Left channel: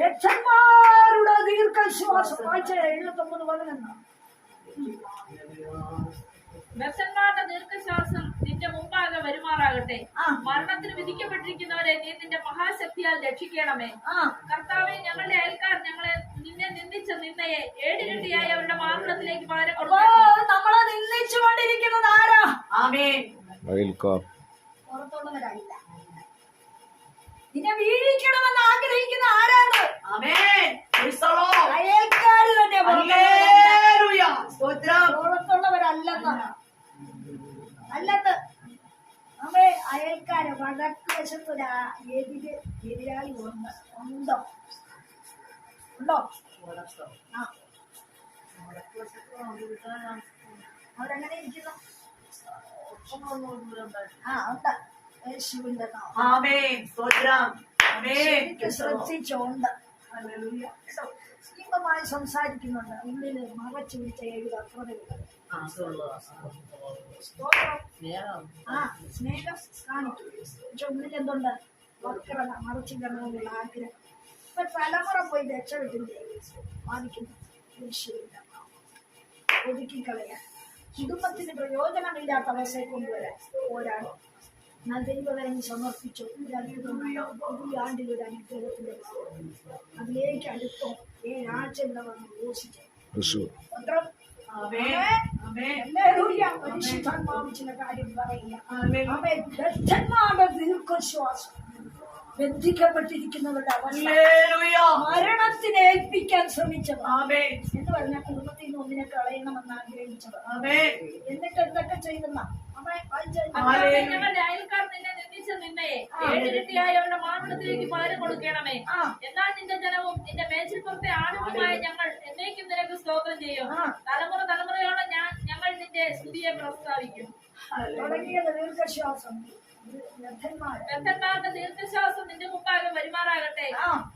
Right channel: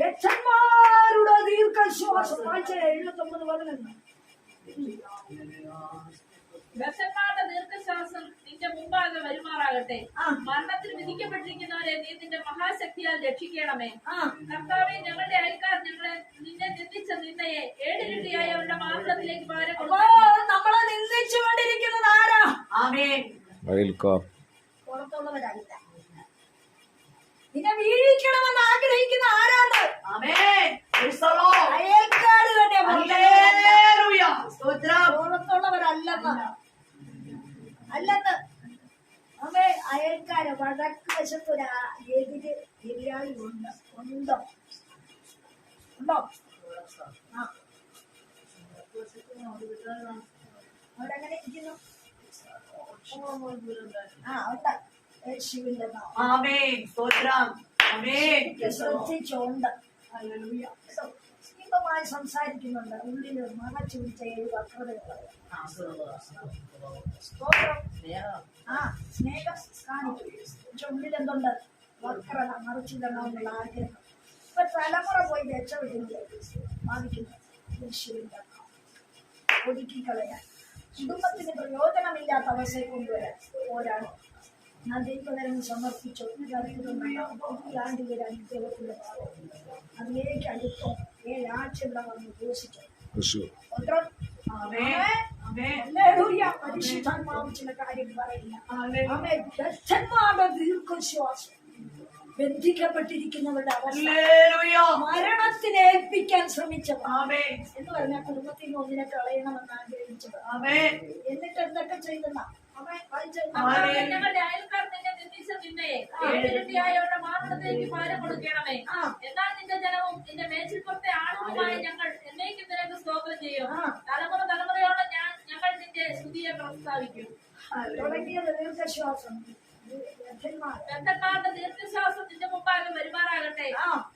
രക്ഷന്മാരുടെ ദീർഘശ്വാസം. 79:11. ബദ്ധന്മാരുടെ ദീർഘശ്വാസം നിന്റെ മുമ്പാകെ വരുമാറാകട്ടെ. മരണത്തിന് വിധിക്കപ്പെട്ടിരിക്കുന്നവരെ നീ നിന്റെ മഹാശക്തിയാൽ രക്ഷിക്കണമേ. കർത്താവേ, ഞങ്ങളുടെ അയൽക്കാർ ഞങ്ങളെ നിന്നെ നിന്ദിച്ച നിന്നയെ ഏടിരട്ടിയായി അവരുടെ മാർഗത്തിലേക്ക് പകരം കൊടുക്കണം. നമ്മളെ നിന്ദിച്ചുകൊണ്ടിരിക്കുന്നത് ആരാ? പുറത്തുള്ളവരല്ല. നിന്നെ വീഴിക്കണമെന്ന് ആഗ്രഹിക്കുന്ന ആരാണ്? അയൽക്കാര് തന്നെ. പുറത്തുള്ളവരല്ലെന്ന് അവേ അയൽക്കാര്. വടക്ക് വശത്ത് എതിരാളി ഉണ്ടോ? അവരെങ്ങനെ ഇരിക്കുന്നു? ഉണ്ട്. യേശുവിന്റെ ശ്രദ്ധിച്ചോണ്ട് സ്നേഹമായി സംസാരിക്കുന്നുണ്ട്. ഉള്ളില് മറച്ചു പിടിച്ച 7 വക്രതകൾ. സ്നേഹം കാണിക്കും. പക്ഷെ ഉള്ളിൽ എന്തുണ്ട്? വക്രത, മറച്ചിടണമെന്നുള്ള ആഗ്രഹം. ഇപ്പൊ തലമുറ പോയി രക്ഷപ്പെട്ടില്ലേ ബാധിക്കുന്നു. യേശുവിന്റെ ഒതുക്കിക്കളയാൻ, കുടുംബത്തിന് പ്രയോജനമില്ലാത്ത അവസ്ഥയെ കൊണ്ടുവരാൻ പോരാടും. ഞാൻ ദൈവകരം സമർപ്പിച്ചു. ഒരു അത്ഭുതം. പുതിയ ആണ്ടിൽ ഒരു അനുഗ്രഹത്തിന്റെ ഭാവം അതിലേക്ക് അടുത്തോ 7 ആഴ്ച ഇവിടെ വന്ന് ഘോഷിച്ചു. പരിശുദ്ധാത്മാവ് ചില കാര്യം പറയില്ല. ബദ്ധന്മാരുടെ ദീർഘശ്വാസം, ബന്ധിക്കപ്പെട്ടിരിക്കുന്നവരുടെ അവസ്ഥ, മരണത്തിന് ഏൽപ്പിക്കാൻ ശ്രമിച്ചത് എന്ന് പറഞ്ഞാൽ കുടുംബത്തിൽ നിന്ന് ഒന്നിനെ കളയണമെന്ന് ആഗ്രഹിച്ചത്. എന്നിട്ട് എന്തൊക്കെ ചെയ്തെന്ന ഞങ്ങളുടെ അയൽക്കാർ നിന്നെ നിന്ദിച്ച നിന്നയെ ഏടിരട്ടിയായി അവരുടെ മാർഗത്തിലേക്ക് പകരം കൊടുക്കണമേ. എന്നാൽ നിന്റെ ജനവും നിന്റെ മേച്ചിൽപ്പുറത്തെ ആളുകളുമായ ഞങ്ങൾ എന്നേക്കും നിനക്ക് സ്തോത്രം ചെയ്യും. തലമുറ തലമുറയോടെ ഞങ്ങൾ നിന്റെ സ്തുതിയെ പ്രസ്താവിക്കും. തുടങ്ങിയത് ദീർഘശ്വാസം. ബദ്ധന്മാരുടെ ദീർഘശ്വാസം നിന്റെ മുമ്പാകെ വരുമാറാകട്ടെ.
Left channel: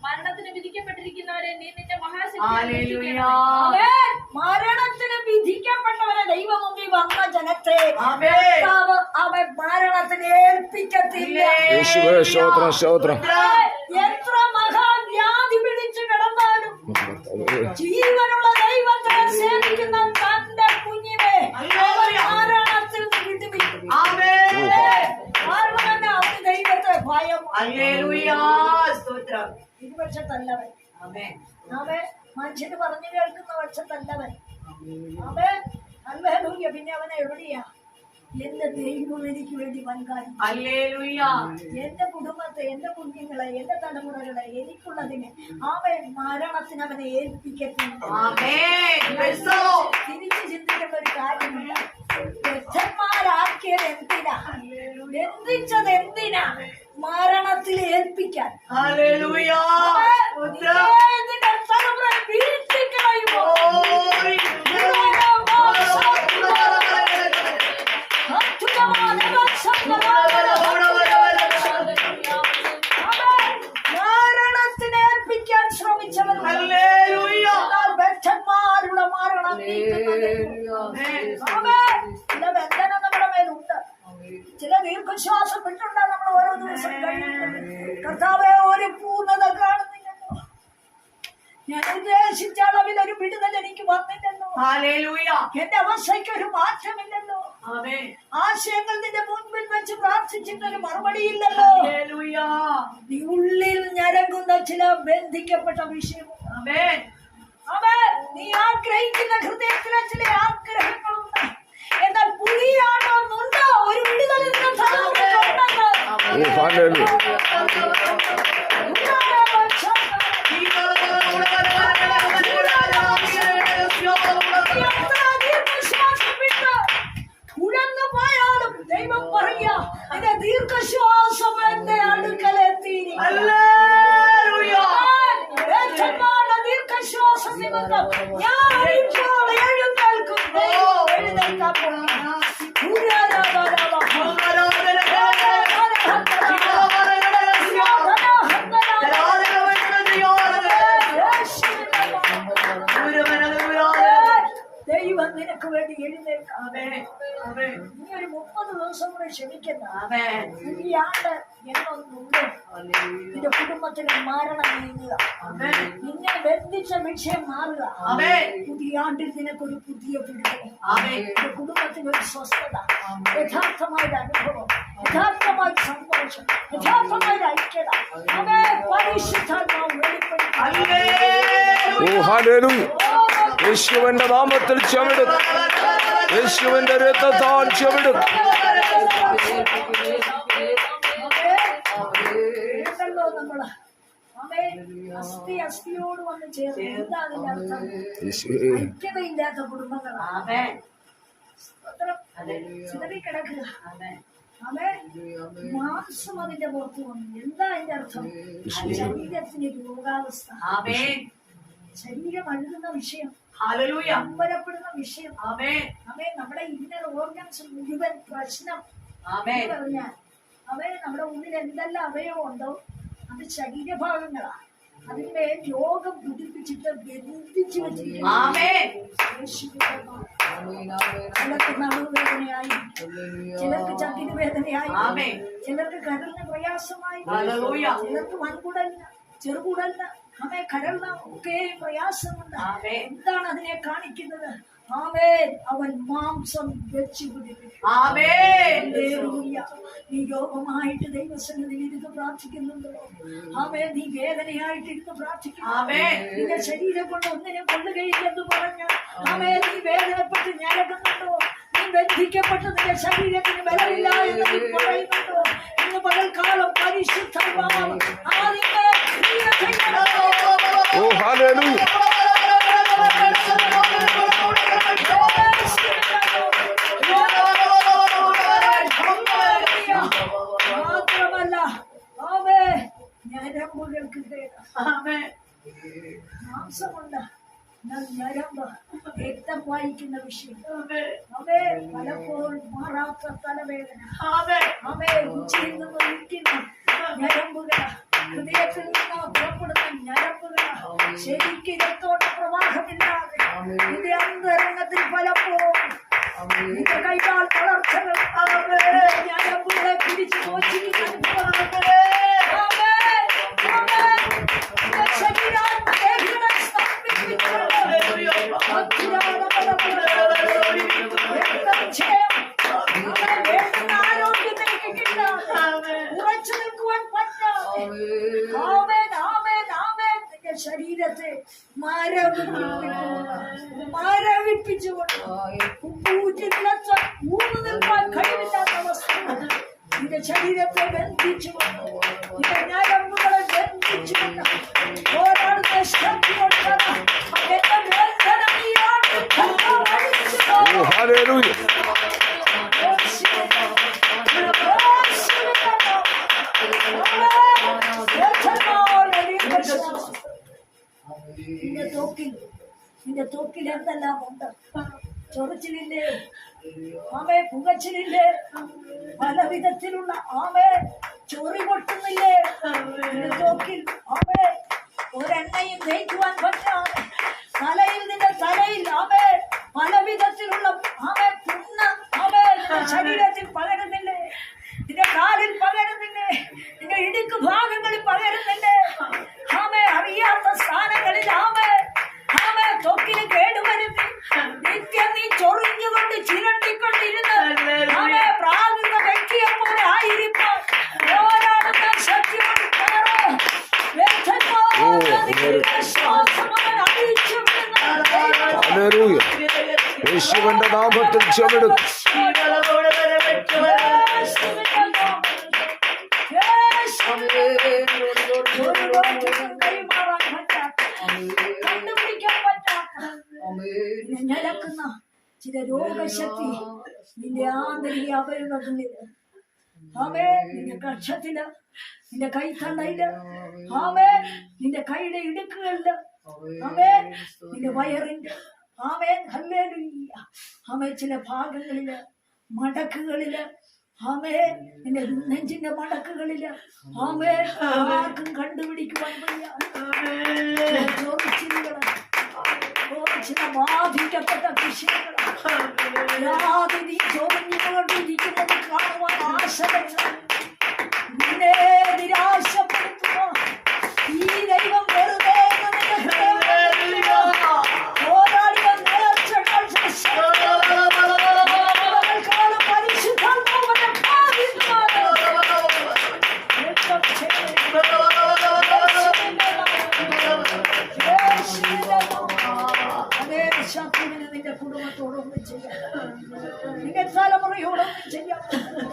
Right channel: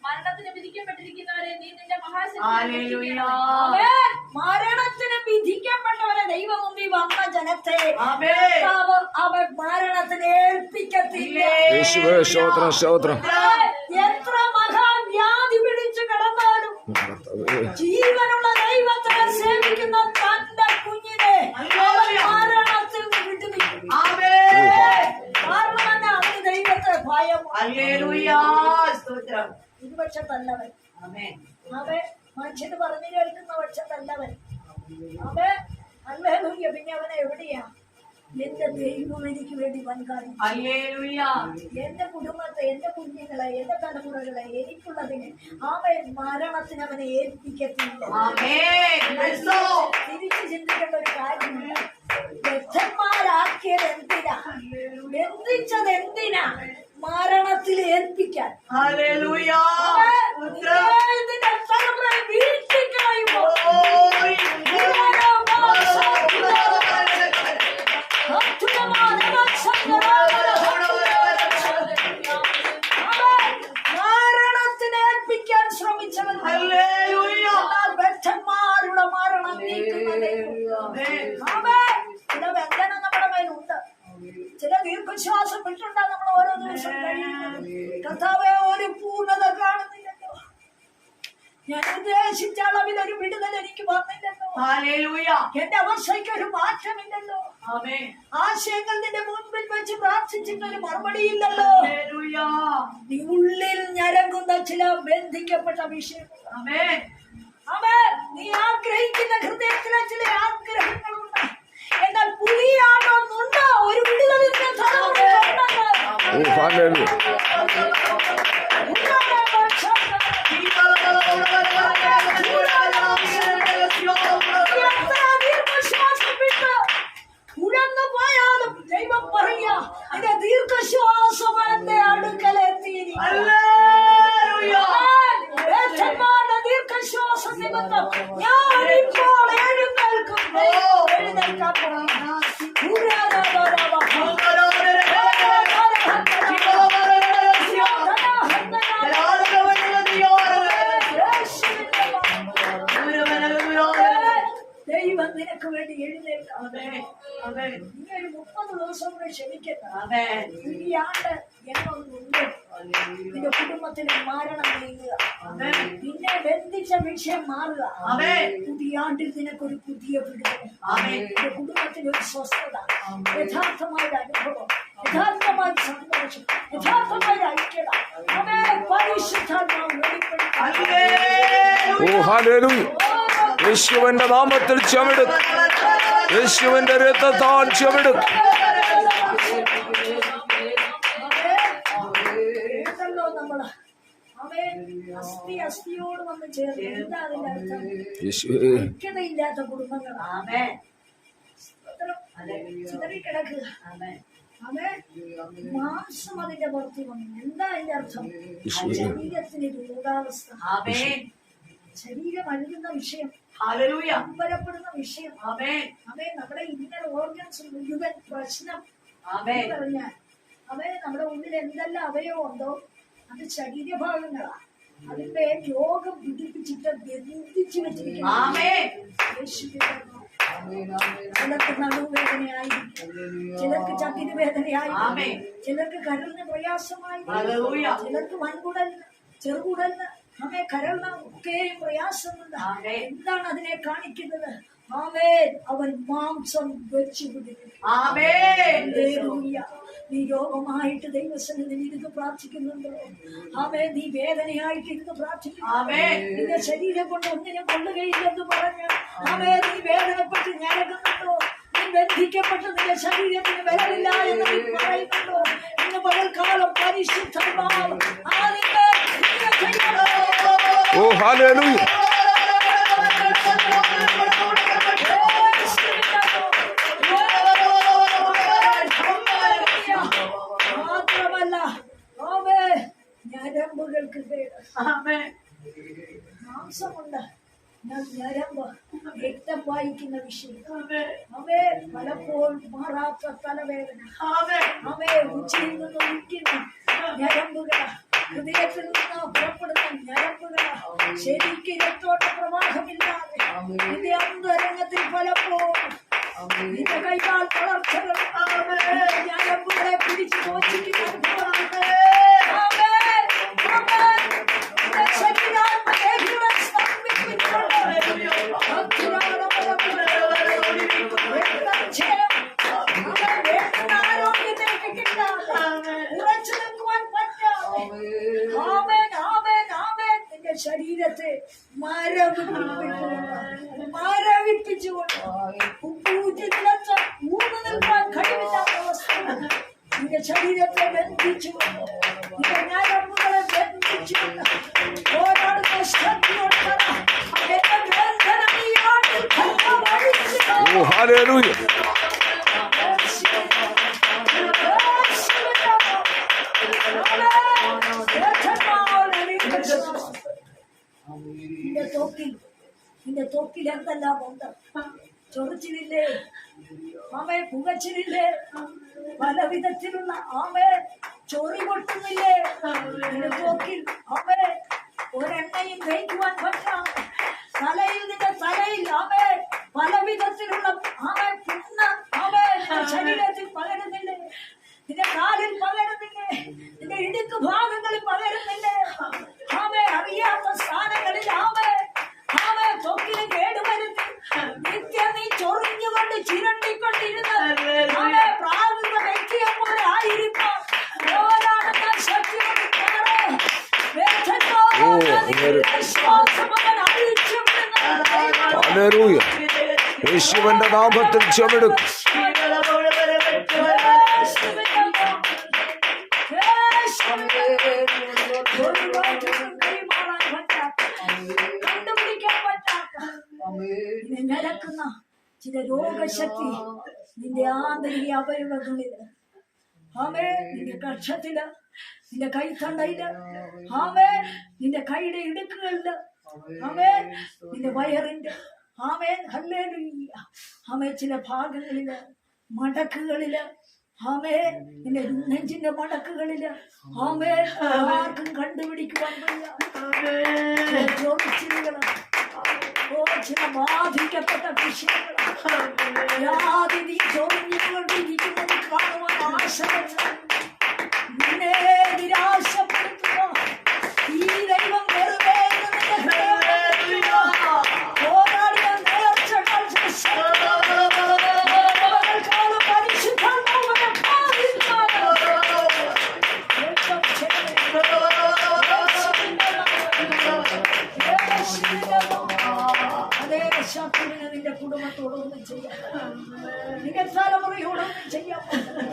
മരണത്തിന് വിധിക്കപ്പെട്ടിരിക്കുന്നവരെ നീ നിന്റെ മഹാശക്തി. മരണത്തിന് വിധിക്കപ്പെട്ടവരെ ദൈവം മുമ്പിൽ വന്ന ജനത്തെ അവൻ മരണത്തിന് ഏൽപ്പിക്കത്തില്ല. എത്ര മഹാവ്യാധി പിടിച്ചു കിടന്നാലും ജീവനുള്ള ദൈവത്തെ സേവിക്കുന്ന തന്റെ കുഞ്ഞിനെ അവൻ മരണത്തിൽ നിന്ന് വിടുവിക്കും. കാരണം തന്നെ അവന് ദൈവത്തെ ഭയം. ഇരുപക്ഷത്തല്ലവൻ. അവൻ മനുഷ്യന് പറഞ്ഞു കേൾക്കുന്ന പക്ഷത്തല്ലവൻ. അവൻ ഹല്ലേലൂയ. പിന്നെ അവനെ എവിടെയാ? എന്റെ ദൈവം എനിക്ക് വേണ്ടി വൻകാര്യം. എന്റെ കുടുംബത്തെ, എന്റെ കുഞ്ഞുങ്ങളെ, എന്റെ തലമുറകളെ, എനിക്കുള്ളതിന് അവൻ മരണത്തിന് അവനെ ഏൽപ്പിക്കത്തില്ല. തിരിച്ചു ചിന്തിക്കേണ്ട ഒരു കാര്യമുണ്ട്. ബദ്ധന്മാരാക്കിയത് എന്തിനാ? ബന്ധിച്ചത് എന്തിനാ? മരണത്തിൽ ഏൽപ്പിക്കാൻ. ഇതിന്റെ തലമുറ വീഴ്ത്തി കളയുമോ? മരണത്തിന് ഏൽപ്പിക്കാൻ ശ്രമിച്ചവർ ബദ്ധന്മാരുടെ മരണം നീക്കുന്നത്. ചില ബന്ധന നമ്മുടെ മേലുണ്ട്. ചില ദീർഘശ്വാസം വിട്ടുണ്ടാ നമ്മൾ ഓരോ ദിവസം കഴിയുന്നത്. കർത്താവേ, ഒരു പൂർണ്ണത കാണുന്നില്ലല്ലോ. ഞാൻ ഉദ്ദേശിച്ച അളവിൽ ഒരു വിടുതൽ എനിക്ക് വന്നില്ലല്ലോ. എന്റെ അവസ്ഥയ്ക്ക് ഒരു മാറ്റമില്ലല്ലോ. ആശയങ്ങൾ നിന്റെ മുൻപിൽ വെച്ച് പ്രാർത്ഥിച്ചിട്ടൊരു മറുപടിയില്ലല്ലോ. നീ ഉള്ളിൽ ഞരങ്ങുന്ന ചില ബന്ധിക്കപ്പെട്ട വിഷയങ്ങൾ. നീ ആഗ്രഹിക്കുന്ന ഹൃദയത്തിലെ ചില ആഗ്രഹങ്ങളുണ്ട്. എന്നാൽ പുലിയാണോന്നുണ്ടോ ഒരു വിടുതലിന്റെ ഉഴന്നു പോയാലും ദൈവം പറയാ എന്റെ ദീർഘശ്വാസം എന്റെ അടുക്കലെത്തി. ദീർഘശ്വാസം നിമിത്തം ഞാനിപ്പോൾ എഴുന്നേൽക്കും. എഴുന്നേൽക്കാൻ ദൈവം നിനക്ക് വേണ്ടി എഴുന്നേൽക്കാം. നീ ഒരു 30 ദിവസം കൂടെ ക്ഷമിക്കുന്ന ഈ ആണ്ട് എന്നൊന്നുണ്ട്. നിന്റെ കുടുംബത്തിലെ മരണം നീങ്ങുക, നിന്നെ ബന്ധിച്ച വിഷയം മാറുക. പുതിയ ആണ്ടിൽ നിനക്കൊരു പുതിയ വിടുതൽ, നിന്റെ കുടുംബത്തിനൊരു സ്വസ്ഥത, യഥാർത്ഥമായൊരു അനുഭവം, യഥാർത്ഥമായ സന്തോഷം, യഥാർത്ഥമായ ഐക്യത. അവേ പരിശുദ്ധാത്മാവ് വെളിപ്പെടുത്തുക. ഓ ഹല്ലേലൂയ. യേശുവിന്റെ നാമത്തിൽ ചുമടും, യേശുവിന്റെ രക്തത്താൽ ചുമടും. നമ്മള് അവേ അസ്ഥിയോട് വന്ന് ചേർന്ന് എന്താ അതിന്റെ അർത്ഥം? ഐക്യതയില്ലാത്ത കുടുംബങ്ങളാണ് ചിതറിക്കിടക്കുക. അവേ മാംസം അതിന്റെ പുറത്ത് വന്നു. എന്താ അതിന്റെ അർത്ഥം? ശരീരത്തിന് രോഗാവസ്ഥ, ശരീരം അഴുകുന്ന വിഷയം, അമ്പരപ്പെടുന്ന വിഷയം. അവേ നമ്മുടെ ഇന്നർ ഓർഗൻസ് മുഴുവൻ പ്രശ്നം പറഞ്ഞാൽ അവയെ നമ്മുടെ ഉള്ളിൽ എന്തെല്ലാം അവയവം ഉണ്ടോ അത് ശരീരഭാഗങ്ങളാണ്. അതിന്റെ രോഗം പിടിപ്പിച്ചിട്ട് ബന്ധിച്ചു വെച്ചിരിക്കുന്നു. ചിലർക്ക് നടുവേദനയായിരിക്കും, ചിലർക്ക് ചങ്കിന് വേദനയായിരിക്കും, ചിലർക്ക് കരളിന് പ്രയാസമായി, ചിലർക്ക് വൻകുടലിന്, ചെറുകുടലിന്, കരളിന് ഒക്കെ പ്രയാസമുണ്ട്. എന്താണ് അതിനെ കാണിക്കുന്നത്? അവൻ മാംസം വെച്ചു പിടിപ്പിക്കും. നീ രോഗമായിട്ട് ദൈവസന്നിധിയിൽ ഇരുന്ന് പ്രാർത്ഥിക്കുന്നുണ്ടോ? നീ വേദനയായിട്ട് ഇരുന്ന് പ്രാർത്ഥിക്കുന്നു. നിന്റെ ശരീരം കൊണ്ട് ഒന്നിനും കൊള്ളുകയില്ലെന്ന് പറഞ്ഞ് നീ വേദനപ്പെട്ട് ഞരകുന്നുണ്ടോ? നീ ബന്ധിക്കപ്പെട്ട് നിന്റെ ശരീരത്തിന് ബലമില്ല എന്ന് നീ പറയുന്നുണ്ടോ? ഇന്ന് പകൽക്കാലം പരിശുദ്ധാത്മാവ് ഓ ഹല്ലേലൂയ. മാത്രമല്ല ഞരമ്പുകൾക്ക് മാംസമുണ്ട്, ഞരമ്പ്, രക്തം വായിക്കുന്ന വിഷയം. പലപ്പോഴും മാറാത്ത തലവേദന, ഉച്ചയിൽ നിന്ന് ഒഴിക്കുന്ന ഞരമ്പുകള്, ഹൃദയത്തിൽ നിന്ന് പുറപ്പെടുന്ന ഞരമ്പുകള്, ശരിക്ക് രക്തോട്ട പ്രവാഹമില്ലാതെ ഇത് അന്തരംഗത്തിൽ പലപ്പോഴും നിന്റെ കൈകാൽ വളർച്ചകൾ ഞരമ്പുകളെ പിടിച്ചു മോചിക്കുന്ന ആരോഗ്യം നിനക്ക് കിട്ടാതെ ഉറച്ചു നിൽക്കുവാൻ പറ്റാതെ നിന്റെ ശരീരത്തെ മരവിപ്പിച്ചുകൊണ്ട് ഉപ്പൂറ്റി നിലച്ച ഊർന്നു നിൽക്കാൻ കഴിവില്ലാത്ത അവസ്ഥ നിന്റെ ശരീരത്തെ ബന്ധിച്ചുകൊണ്ട് നിന്റെ ഞരമ്പുകളെ ബന്ധിച്ചുകൊണ്ട് പോരാടുന്ന ശക്തിയോട് നിന്റെ തോക്കിൽ എന്തെല്ലാം ഉണ്ട്? ചൊറിച്ചിലില്ലേ? പുകച്ചിലില്ലേ? പല വിധത്തിലുള്ള ചൊറി പൊട്ടുന്നില്ലേ? നിന്റെ തോക്കിൽ ഒരെണ്ണയും തേക്കുവാൻ പറ്റാതെ നിന്റെ തലയിൽ പല വിധത്തിലുള്ള പുണ്ണ് നിന്റെ ശരീരത്തിൽ പകരുന്നില്ലേ? നിന്റെ കാലിൽ പകരുന്നില്ലേ? നിന്റെ ഇടുക്ക് ഭാഗങ്ങളിൽ പകരുന്നില്ലേ? അറിയാത്ത സ്ഥാനങ്ങളിൽ തൊക്കിന് കേടുവരുത്തി നിത്യം നീ ചൊറിഞ്ഞുകൊണ്ട് ചിരണ്ടിക്കൊണ്ടിരുന്ന് പ്രാകൃത വ്യക്തിയെ പോലെ ആയിരിക്കും പോരാടുന്ന ശക്തിയോട് യേശുവിന്റെ നാമത്തിൽ ചുമടും. കണ്ടുപിടിക്കാൻ പറ്റാത്ത നിലക്കുന്ന ചില രോഗശക്തി നിന്റെ ആന്തരിക അവയവങ്ങളില്, നിന്റെ കക്ഷത്തില്, നിന്റെ കൈത്തണ്ടയില്, നിന്റെ കൈയുടെ ഇടുക്കുകളില്, നിന്റെ വയറിന്റെ ചില ഭാഗങ്ങളില്, മടക്കുകളില്, നിന്റെ നെഞ്ചിന്റെ മടക്കുകളില് ആർക്കും കണ്ടുപിടിക്കുവാൻ വയ്യ ചില ബാധിക്കപ്പെട്ട വിഷയങ്ങളാതി നീ ചൊറിഞ്ഞുകൊണ്ടിരിക്കുന്നത് കാണുവാൻ ആശകൾ നിന്നെ ചെയ്യാൻ പറ്റുന്നത്.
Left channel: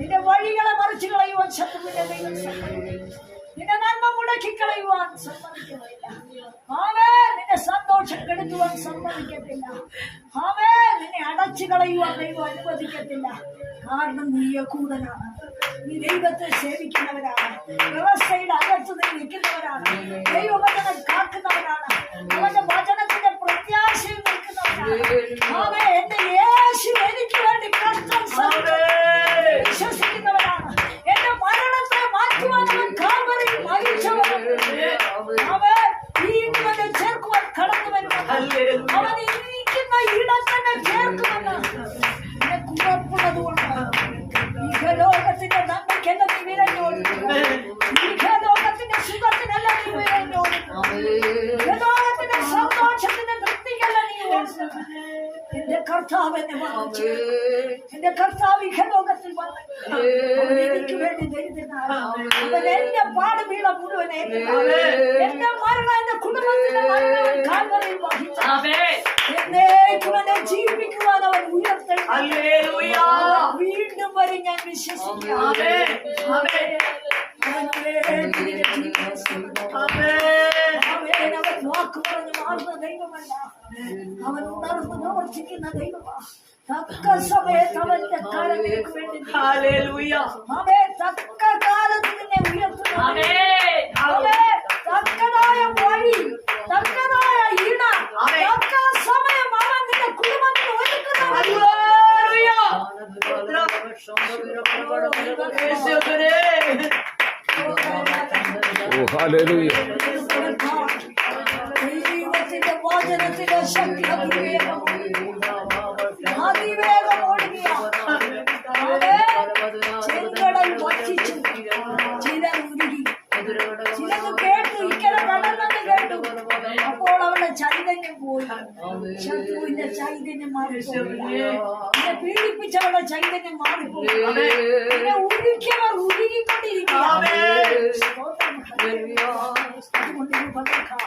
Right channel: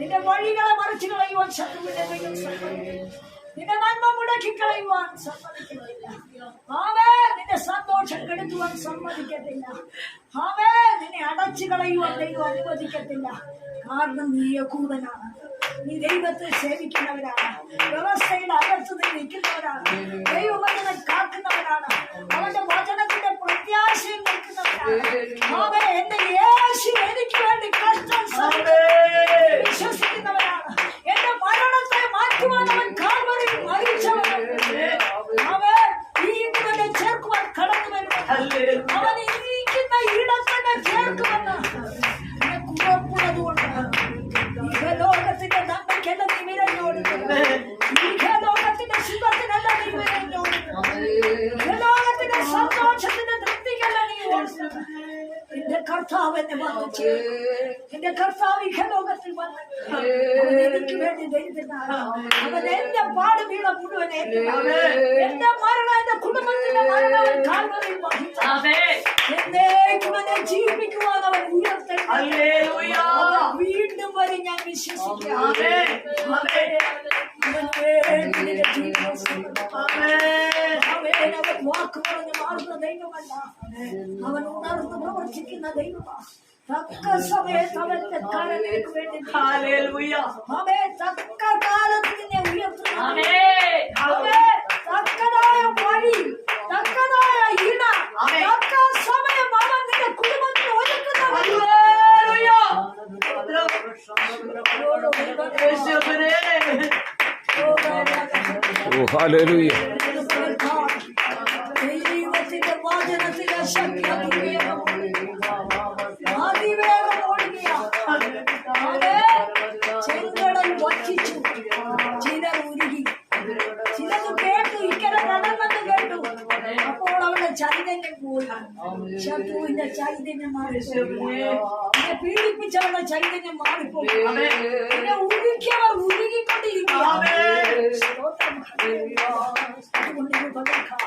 നിന്റെ വഴികളെ മറിച്ചു കളയുവാൻ ശത്രുവിന്റെ ദൈവം സമ്മതിക്കില്ല. നിന്റെ നന്മ മുടക്കി കളയുവാൻ സമ്മതിക്കുന്നില്ല. ആമേ, നിന്റെ സന്തോഷം കെടുത്തുവാൻ സമ്മതിക്കത്തില്ല. ആമേ, നിന്നെ അടച്ചു കളയുവാൻ ദൈവം അനുവദിക്കത്തില്ല. കാരണം നീ യഹൂദനാണ്, നീ ദൈവത്തെ സേവിക്കുന്നവരാണ്, വ്യവസ്ഥയുടെ അകത്ത് നീ നിൽക്കുന്നവരാണ്, ദൈവവചനം കാക്കുന്നവരാണ്, അവന്റെ വചനത്തിന്റെ പ്രത്യാശയിൽ നിൽക്കുന്നവരാണ്. ആമേ, എന്റെ യേശു എനിക്ക് വേണ്ടി കഷ്ടം സഹിച്ചു വിശ്വസിക്കുന്നവരാണ്. എന്റെ മരണത്തെ മാറ്റുവാൻ അവൻ കാൽവരിയിൽ മരിച്ചവനാണ്. അവൻ വീണ്ടും എന്നെ ചേർക്കുവാൻ കടന്നു വരുമെന്ന്, അവൻ ഇരിക്കുന്ന ഇടത്തന്നെ ചേർക്കുമെന്ന് എനിക്ക് ഉറപ്പുള്ളത് കൊണ്ട് ഇഹലോകത്തിന്റെ നന്മയ്ക്കല്ല നീ വിരഞ്ഞോടുന്നു, ഇഹലോകത്തിന്റെ സുഖത്തിനല്ല നീ വിരഞ്ഞോടുന്നു, ഇഹലോകത്തിന്റെ സന്തോഷത്തിന്റെ തൃപ്തിക്കല്ല നീ ഓടുന്നത്. എന്റെ കർത്താവ് എന്നെ വന്നു, എന്റെ കർത്താവ് ഇഹലോകത്തിൽ വന്നു, അവൻ എനിക്ക് വേണ്ടി ദരിദ്രനാണ്. അവൻ എന്റെ പാടുവീള മുഴുവൻ ഏറ്റതാണ്. എന്റെ മരണം, എന്റെ കുടുംബത്തിന്റെ മരണം അവൻ കാൽവരിയിൽ വഹിച്ചു. എന്നേക്കും എന്നെ ജീവിപ്പിക്കുവാൻ അവൻ ഉയർത്തെഴുന്നേൽക്കും. അവൻ വീണ്ടും വരെ ഞാൻ വിശ്വസിക്കാം. അവൻ വേണ്ടി നിന്റെ ജീവിതം സമർപ്പിക്കും. അവൻ വാക്ക് പറഞ്ഞ് മാറുന്ന ദൈവമല്ല, അവൻ ഉണർന്ന് പ്രവർത്തിക്കുന്ന ദൈവമാണ്. തക്ക സമയത്ത് അവന്റെ കാലം നിനക്ക് വേണ്ടി അവൻ തക്ക കാലത്ത് നിന്നെ ഉയർത്തുന്നു. അവൻ തക്കതായ വഴി, തക്കതായ ഇട, തക്ക സമയം അവൻ നിന്റെ കുടുംബത്തിന് ഒരുക്കുന്നത്. ഓ ഹല്ലേലൂയ. ദൈവത്തിന്റെ വചനത്തിന്റെ ശക്തി അതിവേഗം ഓടുകയ. ചെങ്കടൽ വച്ചിച്ചു, ചിലർ ഉരുകി, ചിലത് കേട്ടു, ഇക്കരെ കടന്നെന്ന് കേട്ടു. അപ്പോൾ അവളുടെ ചൈതന്യം പോയി, ശത്രുവിന്റെ ചൈതന്യം മാറിപ്പോയി, എന്നെ പീഡിപ്പിച്ചവരുടെ ചൈതന്യം മാറിപ്പോയി, എന്നെ ഉരുക്കിയവർ ഉരുകിക്കൊണ്ടിരിക്കുക. അതുകൊണ്ട് ഇത് പകർക്കാം.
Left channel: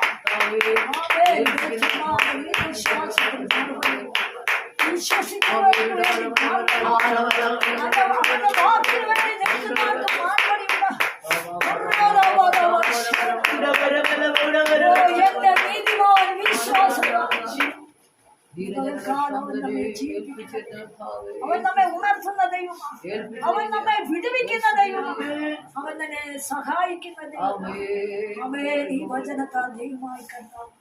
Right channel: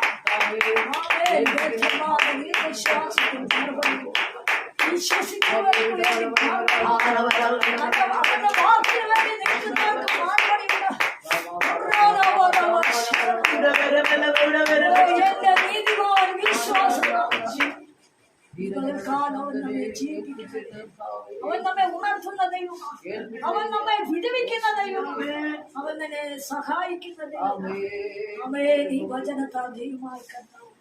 വിശ്വസിക്കുന്നവർക്ക് വേണ്ടി അവന്റെ വാക്കിന് വേണ്ടി നിൽക്കുന്നവർക്ക് മാറ്റടിയുണ്ട്. എന്റെ നീതിമാൻ വിശ്വാസം അവൻ നമ്മെ ഉണർത്തുന്ന ദൈവമാണ്, അവൻ നമ്മെ വിടുവിക്കുന്ന ദൈവമാണ്, അവൻ തന്നെ സഹായിക്കുന്ന ദൈവമാണ്. അവൻ ഈ വചനത്താൽ ദൈവമായി കണ്ടാവും.